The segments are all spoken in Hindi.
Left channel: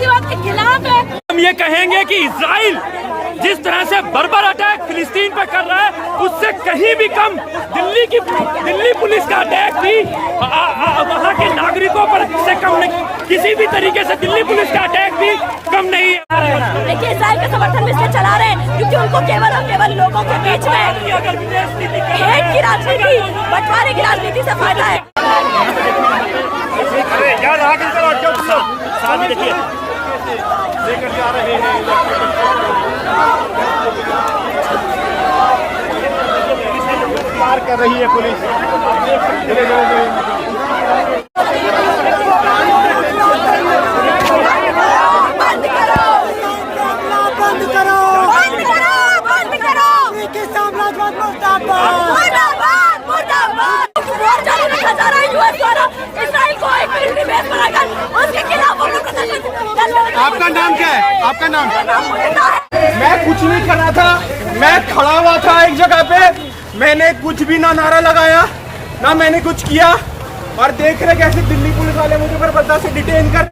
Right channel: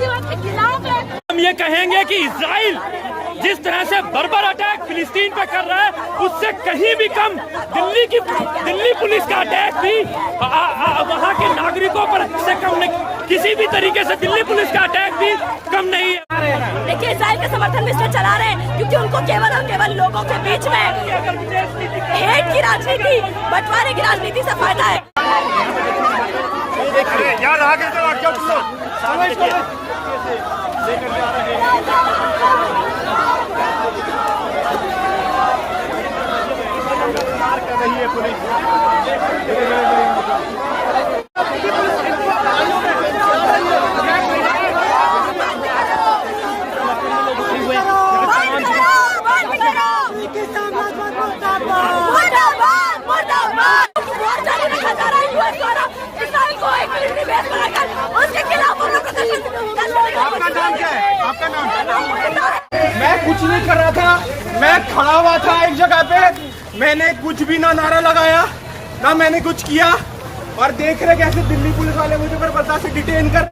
आतंकवाद के खिलाफ है। हम ये कहेंगे कि इजराइल जिस तरह से बर्बर अटैक फिलिस्तीन पे कर रहा है उससे कहीं भी कम दिल्ली पुलिस का अटैक भी वहाँ के नागरिकों पर से कम नहीं, किसी भी तरीके से दिल्ली पुलिस का अटैक भी कम नहीं आ रहे हैं। देखिए इजराइल के समर्थन में इसलिए चला रहे हैं क्योंकि उनको केवल और केवल लोगों के बीच में हेट की राजनीति, बंटवारे की राजनीति से फायदा है। अरे यार आगे चलो, हट जाओ तुम लोग। कर रही है पुलिस। उसके खिलाफ आपका नाम क्या है? आपका नाम? मैं कुछ नहीं कर रहा था, मैं खड़ा हुआ था एक जगह पे, मैंने कुछ भी ना नारा लगाया ना मैंने कुछ किया, और देख रहे कैसे दिल्ली पुलिस वाले मुझे बर्दाश्त से डिटेन कर।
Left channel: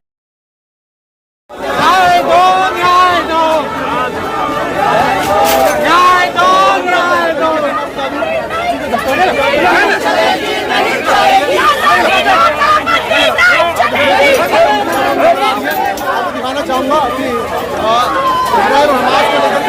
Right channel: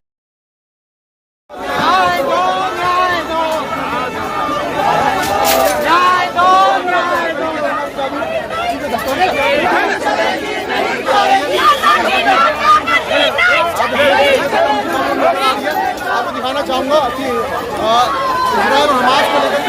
दिखाना चाहूंगा कि इजराइल हमास को लेकर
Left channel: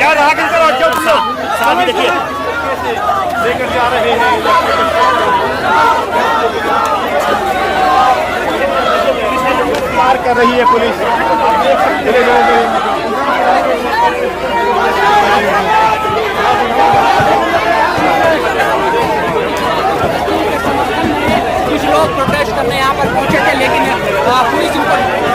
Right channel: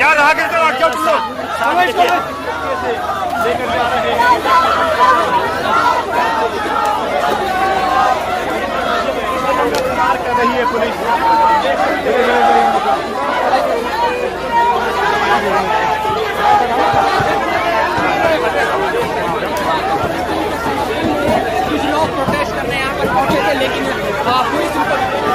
यार आगे चलो, हट जाओ तुम लोग। लेकर जा रहे हैं कर रही है पुलिस। कुछ लोग प्रोटेस्ट करने यहाँ पर पहुंचे थे, लेकिन पुलिस उनको नहीं दिया।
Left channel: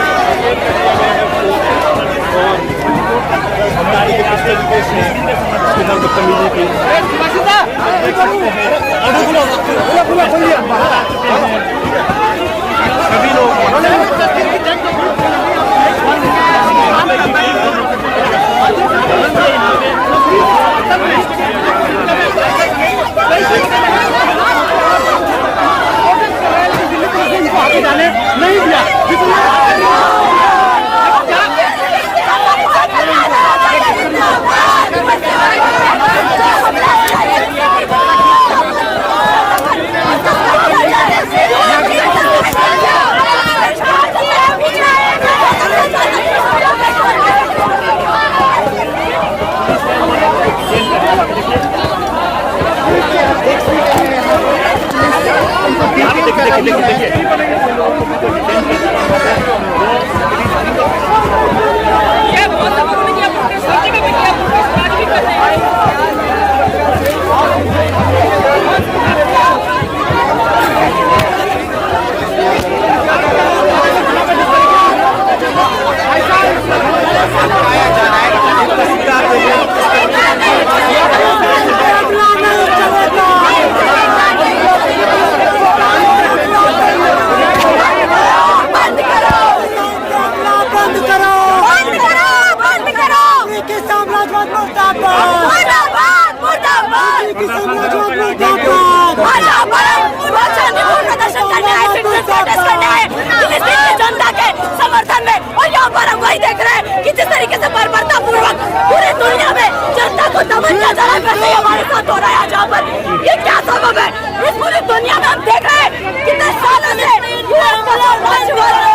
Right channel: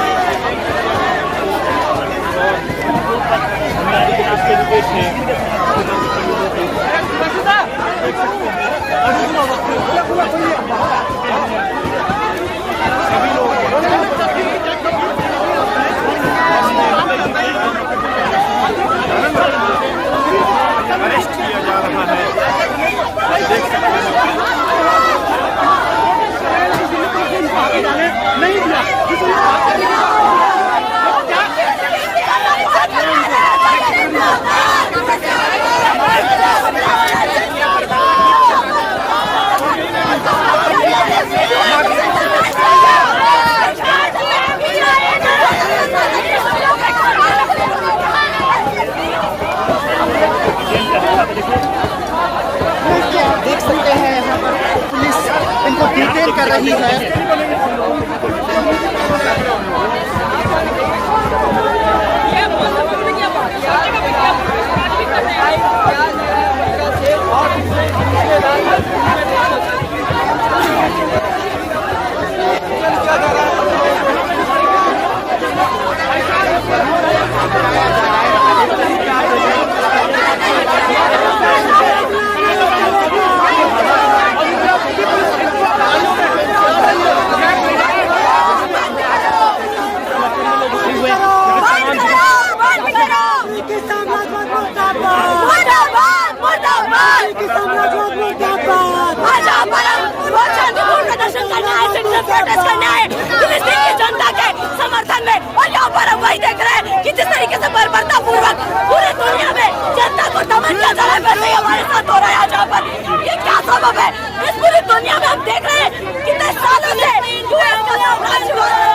जनता के समर्थन में, और यहाँ पर हम वही देख रहे हैं कि जिस तरीके से बर्बरता पूर्वक पूरी दुनिया में जनता को दमन किया जा रहा है, वैसे ही हमारे साथ हो रहा है यहाँ पर। ये क्या सबब है? इस पूरी दुनिया में हम देख रहे हैं कितने सालों से यूएस का साम्राज्य हो रहा है,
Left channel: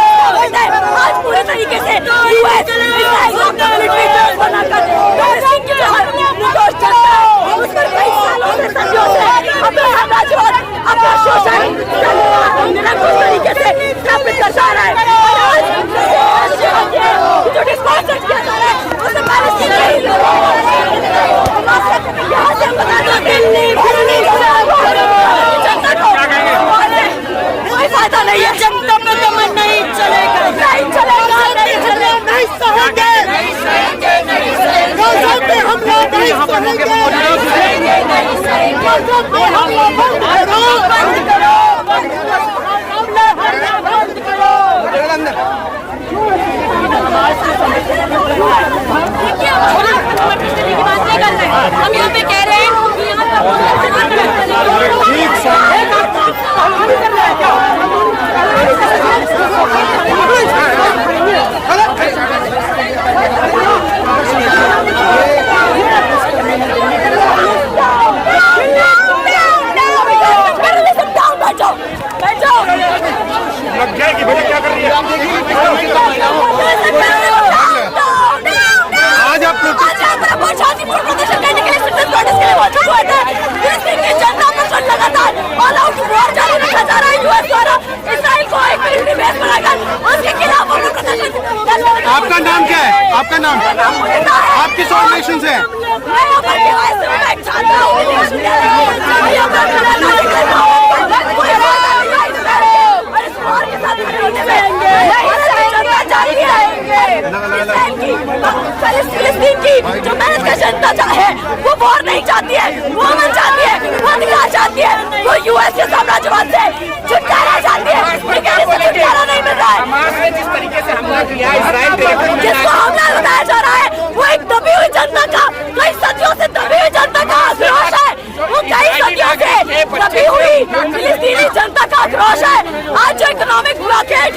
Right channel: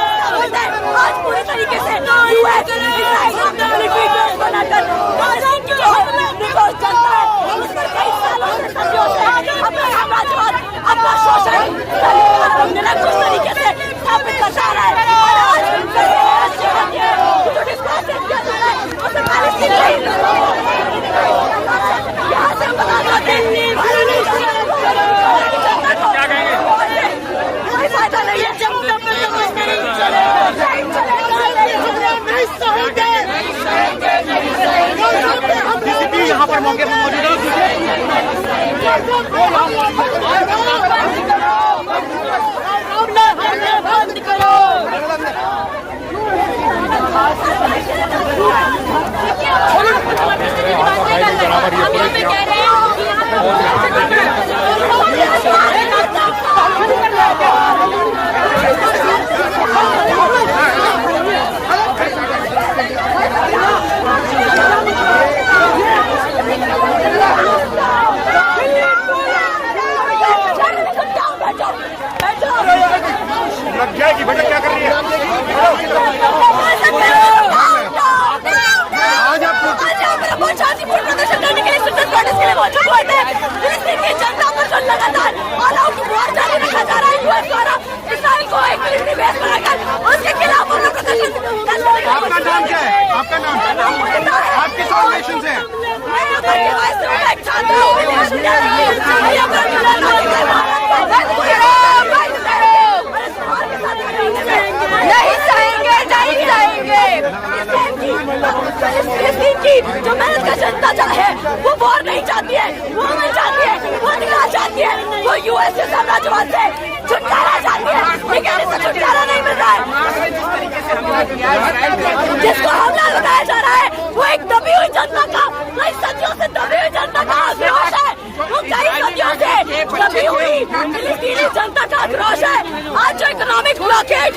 आज पूरी तरीके से यूएस बनाकर निर्दोष जनता उस पर कई सालों से अपना शोषण निरंकुश तरीके से स्थापित कर जा रहा है, और आज जो डिस्कस किया जा रहा है उसे मैं मौके पर मौजूद हम यहाँ पे कह रहे हैं लग जाएगी भैया, क्या कर रही है? शांतिपूर्ण प्रदर्शन करने के लिए सिटीजन प्रोटेस्ट के लिए मौजूद हुए थे। फिलिस्तीन की जनता पर जो लगातार ऑल आउट वॉर जारी रखा जा रहा है यूएस द्वारा इसराइल को एक मिलिट्री बेस बनाकर उसके खिलाफ हम लोग प्रदर्शन कर रहे हैं। आपका नाम क्या है? आपका नाम? मेरा नाम मुनिता है। आप किस ऑर्गेनाइजेशन से हैं? मैं यहाँ पर यूएस में एक छात्र हूँ। यहाँ पर मेरा नागरिक है। कोई फायदा नहीं है इसमें और इस वॉर के साथ खड़े होने में। भारत की जनता चाहती है इसराइल की फिलिस्तीन की जो मेहनत का जनता है वो वॉर नहीं चाहती है, वो अमन चाहती है, वो अधिकार चाहती है, वो यूएस के साम्राज्यवाद से छुटकारा चाहती है, लेकिन इससे छुटकारा नहीं मिल रहा है। जिसको हमला लगाया जा रहा है वो एक दबी हुई जनता का, कई सदियों से दबी हुई जनता का आक्रोश है। वो कई सदियों से दबी हुई फिलिस्तीनी जनता का आक्रोश है। आज जो इकोनॉमिक ब्लॉकेज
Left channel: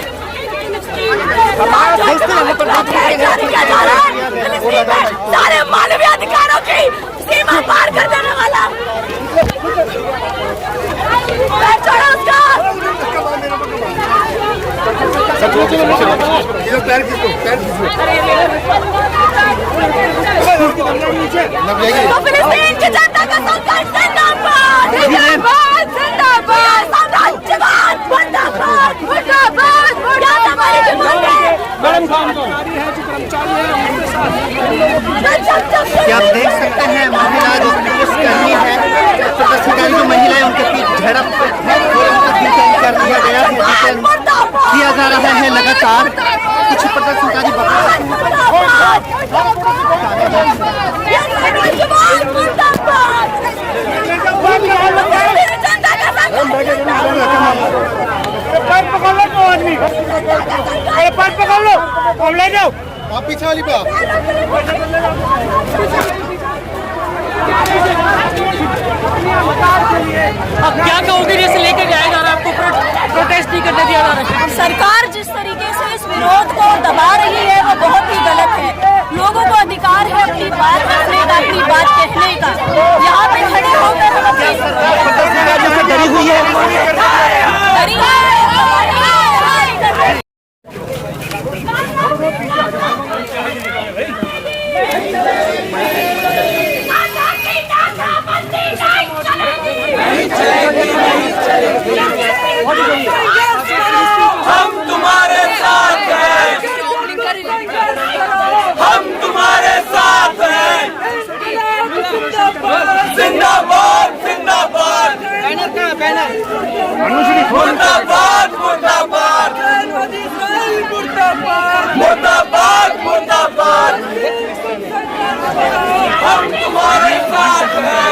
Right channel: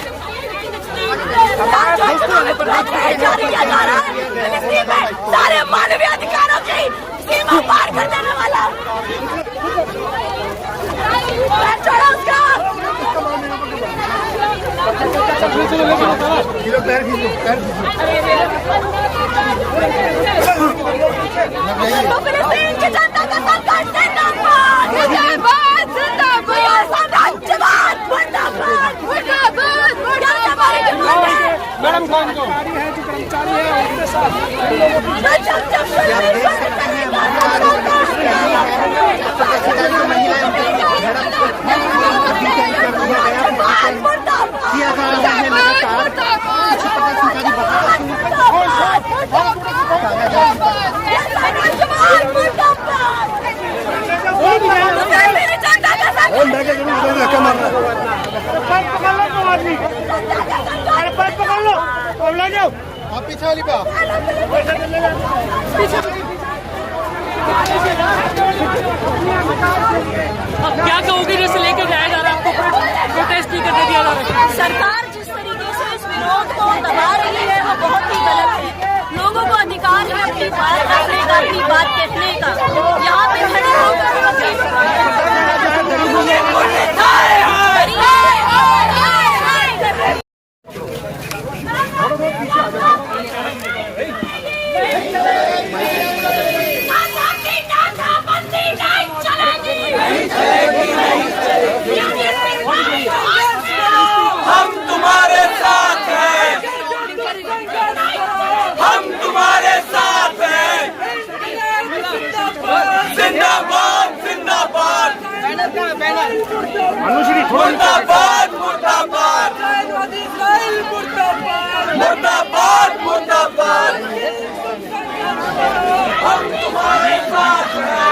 जारी किया जा रहा है फिलिस्तीन में सारे मानवीय अधिकारों की सीमा पार कर देने वाला तो फिलिस्तीन की जनता का संघर्ष जिंदाबाद जिंदाबाद जिंदाबाद साम्राज्यवाद मुर्दाबाद मुर्दाबाद क्या हमारी डिमांड है? मैडम कर्मचारी है जो कर्मचारी है उनके साथ क्या आप देख सकते हैं महिला जो प्रदर्शन कर रही है, प्रदर्शनकारी जो महिला है उनके बीच झड़प कर दिया गया, किया जा रहा है लगातार। कुछ प्रदर्शनकारी आप पीछे वाली पे अब क्या कहोगे जैसे लेके जाया जा रहा है, आपको प्रोटेस्ट नहीं करने दिया जा रहा है? सरकार जिस तरीके से इस विरोध को दबा रही है वो बहुत ही गलत है। लोगों को अधिकार है अपनी बात रखने का, अपनी बात कहने का। यहाँ पे खड़े होकर हम अपनी डरी हुई है। डरी है हम तुम्हारे साथ हैं, हम तुम्हारे साथ हैं। जिंदाबाद जिंदाबाद मुर्दाबाद मुर्दाबाद मुर्दाबाद मुर्दाबाद हम तुम्हारे साथ हैं।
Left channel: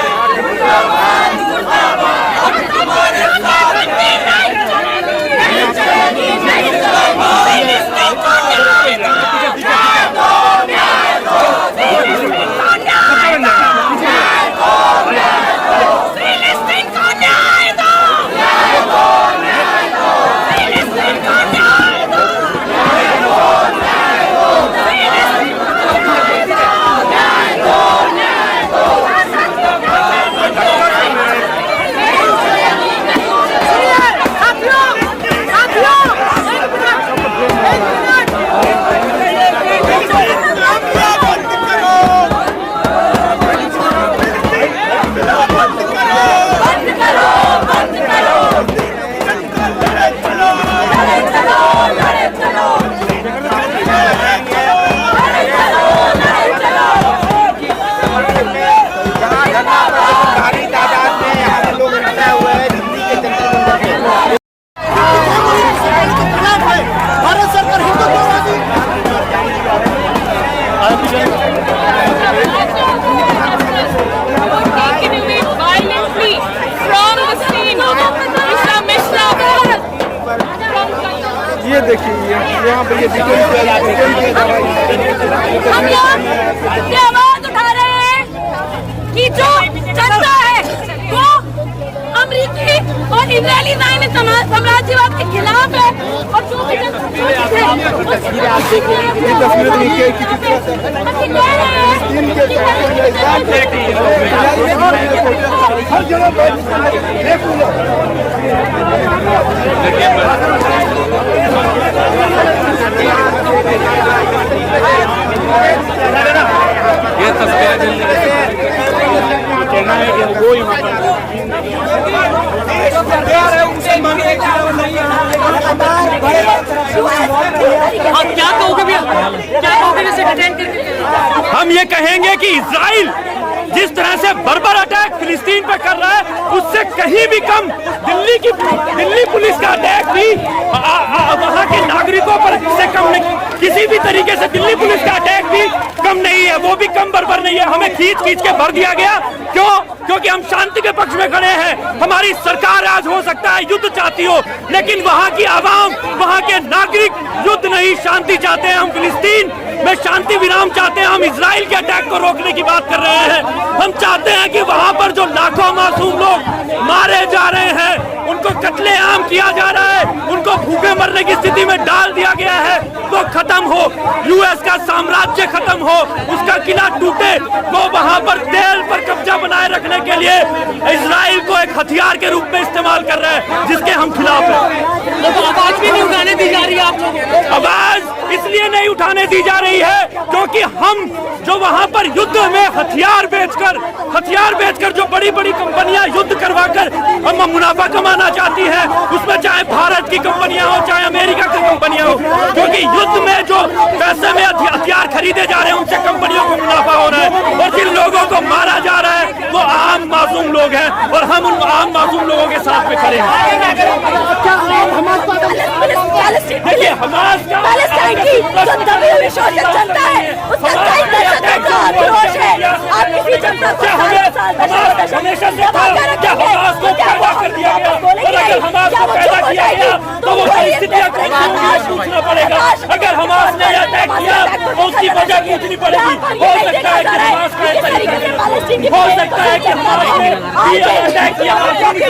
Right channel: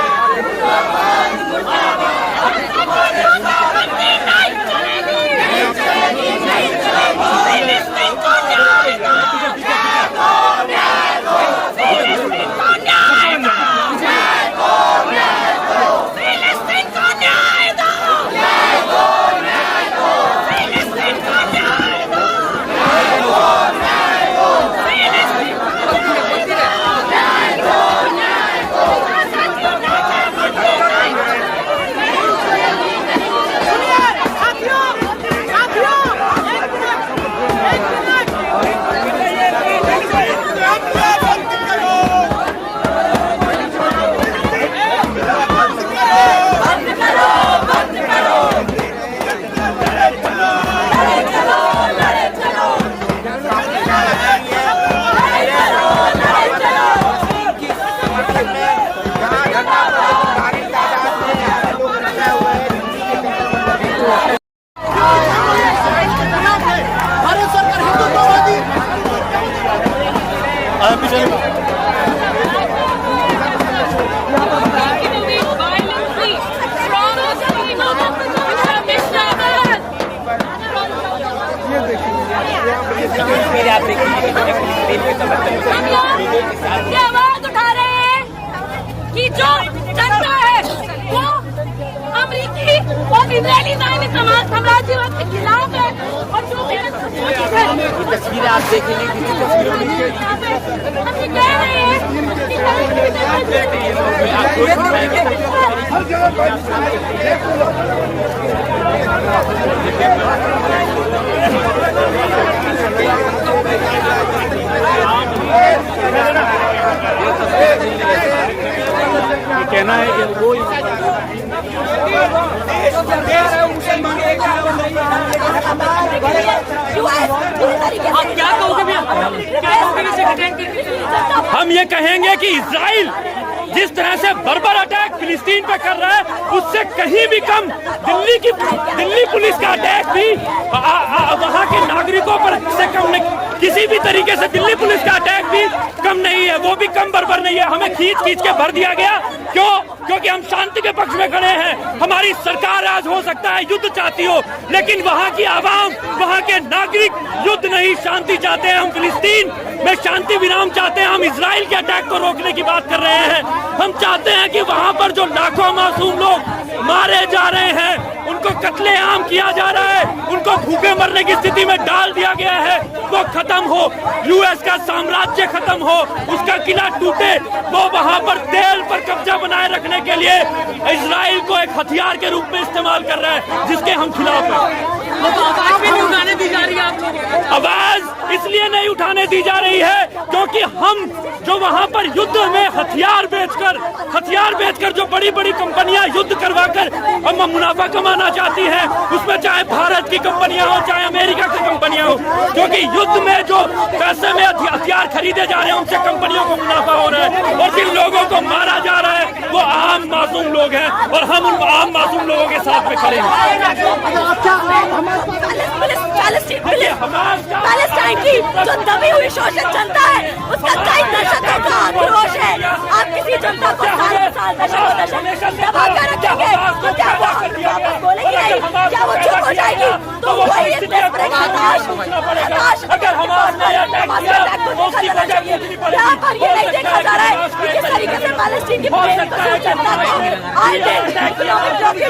हम लोग ये आवाज उठा रहे हैं कि जो जनता है वो अमेरिकी और इजरायली साम्राज्यवाद के खिलाफ है और जो भी हम ये कह रहे क्या कहोगे भैया, क्या कहोगे जैसे डिटेन करके? हम ये कहेंगे कि इजराइल जिस तरह से बर्बर अटैक फिलिस्तीन पे कर रहा है उससे कहीं भी कम दिल्ली पुलिस का अटैक भी वहाँ के नागरिकों पर से कम नहीं, किसी भी तरीके से दिल्ली पुलिस का अटैक भी कम नहीं है, वो भी कम बर्बर नहीं है। हमें खींच के भर दिया गया। क्यों? क्योंकि हम शांति के पक्ष में खड़े हैं। हमारी सरकार आज हो सकता है युद्ध चाहती हो, लेकिन वहाँ की आवाम, वहाँ के नागरिक युद्ध नहीं, शांति चाहते हैं। हम फिलिस्तीन में शांति विराम चाहते हैं। हम इजराइल के अटैक को रोकने की बात कर रहे हैं। हम चाहते हैं कि वहाँ पर जो लाखों मासूम लोग मारे जा रहे हैं, उनको कत्लेआम किया जा रहा है, उनको भूखे मरने की स्थिति में डाल दिया गया है, वो खत्म हो। यूएस का साम्राज्य खत्म हो, उसका किला टूटे। वो वहाँ पर तेल पर कब्जा बनाए रखने के लिए इजराइल को एक हथियार के रूप में इस्तेमाल कर रहा है, जिसके हम खिलाफ हैं। आवाज भी नहीं उठाने दी जा रही है आप लोगों को? आवाज इसलिए नहीं उठाने दी जा रही है क्योंकि हम जो वहाँ पर युद्ध में हथियार बेचकर जो बड़ी बड़ी कंपनियां युद्ध करवाकर मुनाफा कमाना चाहती हैं, उसमें चाहे भारत की कंपनियां हो चाहे अमेरिका की कंपनियां हो, क्योंकि युद्ध में जो पैसे में हथियार खरीदे जा रहे हैं उनसे कंपनियों को मुनाफा हो रहा है, और जिन लोगों को मारा जा रहा है वो आम मासूम लोग हैं, और हम उन आम मासूम लोगों के साथ में खड़े हैं। पैलेस्टाइन की जो दबी हुई शोषित जनता है, उसका कई दशकों का आक्रोश है। आप किसी जनता को साल दशक दबा कर रखेंगे तो क्या वो वापस बोलेगी नहीं? क्या वो चुप हो जाएगी? तो वही हताश अटैक को देखा जाना चाहिए। यहाँ पर ये नहीं देखा जा रहा है कि किस तरीके से पैलेस्टीन की जनता को आगे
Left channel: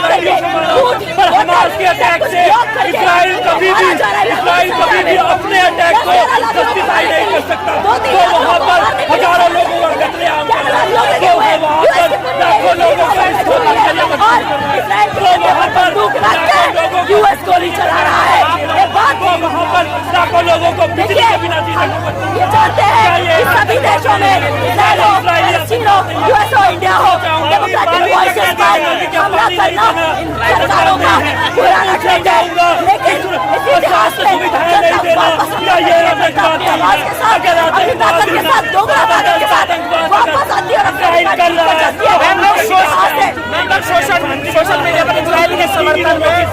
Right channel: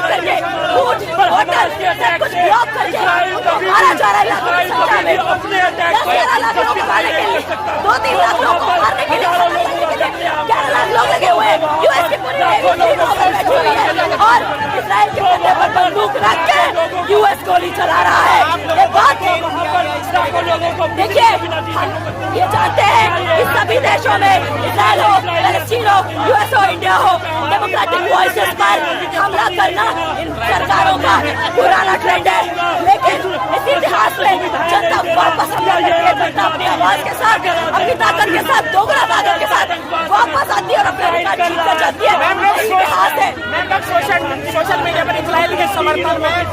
करके फूड वोटर सब कुछ ब्लॉक करके मारा जा रहा है। 10-11 लाख लोगों को मारने के लिए, 2-3 लाख लोगों को मारने के लिए 11 लाख लोग लगे हुए हैं। यूएस की पूरी और इजराइल के कंधे पर बंदूक रख के यूएस गोली चला रहा है। ये बात देखिए, हम ये जानते हैं कि सभी देशों में, इजराइल हो, पैलेस्टीन हो, यूएस हो, इंडिया हो, डेमोक्रेटिक वॉइसेस पर हमला करना इन सरकारों का पुराना ट्रेंड है। लेकिन इस इतिहास में जनता वापस हमला करती है, जनता अपनी आवाज के साथ, अपनी ताकत के साथ, दोगुना ताकत के साथ वापस आती है और अपना रिकॉर्ड जीत कर जाती है। इतिहास है। सोशल मीडिया पर इजराइल के समर्थन में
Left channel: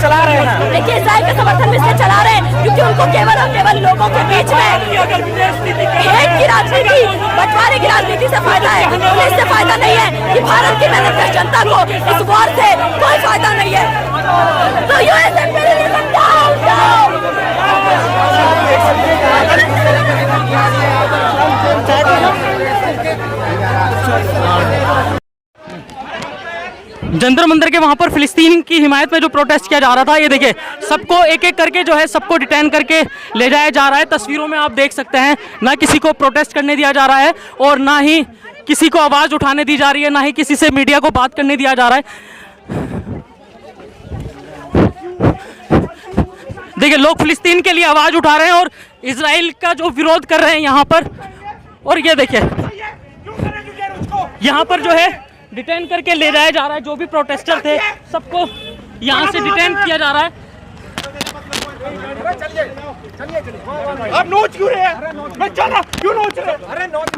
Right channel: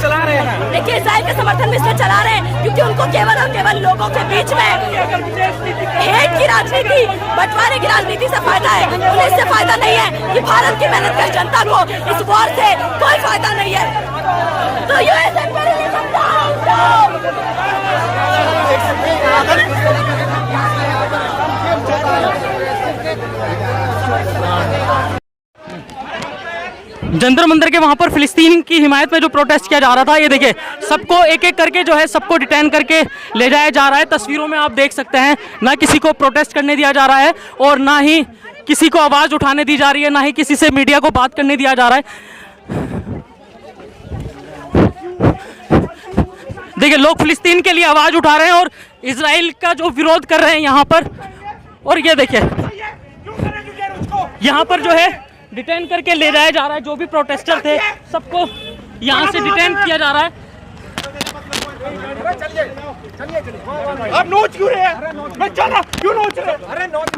चला रहे हैं। देखिए, इजराइल के समर्थन में इसलिए चला रहे हैं क्योंकि उनको केवल और केवल लोगों के बीच में हेट की राजनीति, बंटवारे की राजनीति से फायदा है। उन्हें इससे फायदा नहीं है कि भारत की मेहनत जनता को इस वॉर से कोई फायदा नहीं है। तो US imperialism down down. Jantar Mantar के वहां पर फिलिस्तीन की हिमायत में जो प्रोटेस्ट किया जा रहा था, ये देखिए सबको एक एक करके जो है सबको डिटेन करके ले जाया जा रहा है। तस्वीरों में आप देख सकते हैं, ना किसी को प्रोटेस्ट करने दिया जा रहा है और ना ही किसी को आवाज उठाने दी जा रही है, ना ही किसी से मीडिया को बात करने दिया जा रहा है। देखिए, लोग फिलिस्तीन के लिए आवाज उठा रहे हैं और इजराइल का जो विरोध कर रहे हैं यहाँ पर। और ये देखिए, यहाँ पर जो है डिटेन करके ले जाया जा रहा है। जो भी प्रोटेस्टर थे सबको यहाँ से डिटेन किया जा रहा है। आप नोच क्यों रहे हैं? मैं जाना क्यों नोच रहे? अरे नोच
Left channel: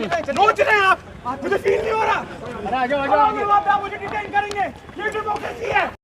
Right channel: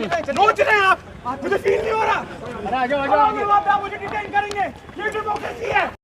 रहे हैं आप? मुझे फील नहीं हो रहा। मुझे डिटेन करेंगे, ये डेमोक्रेसी है।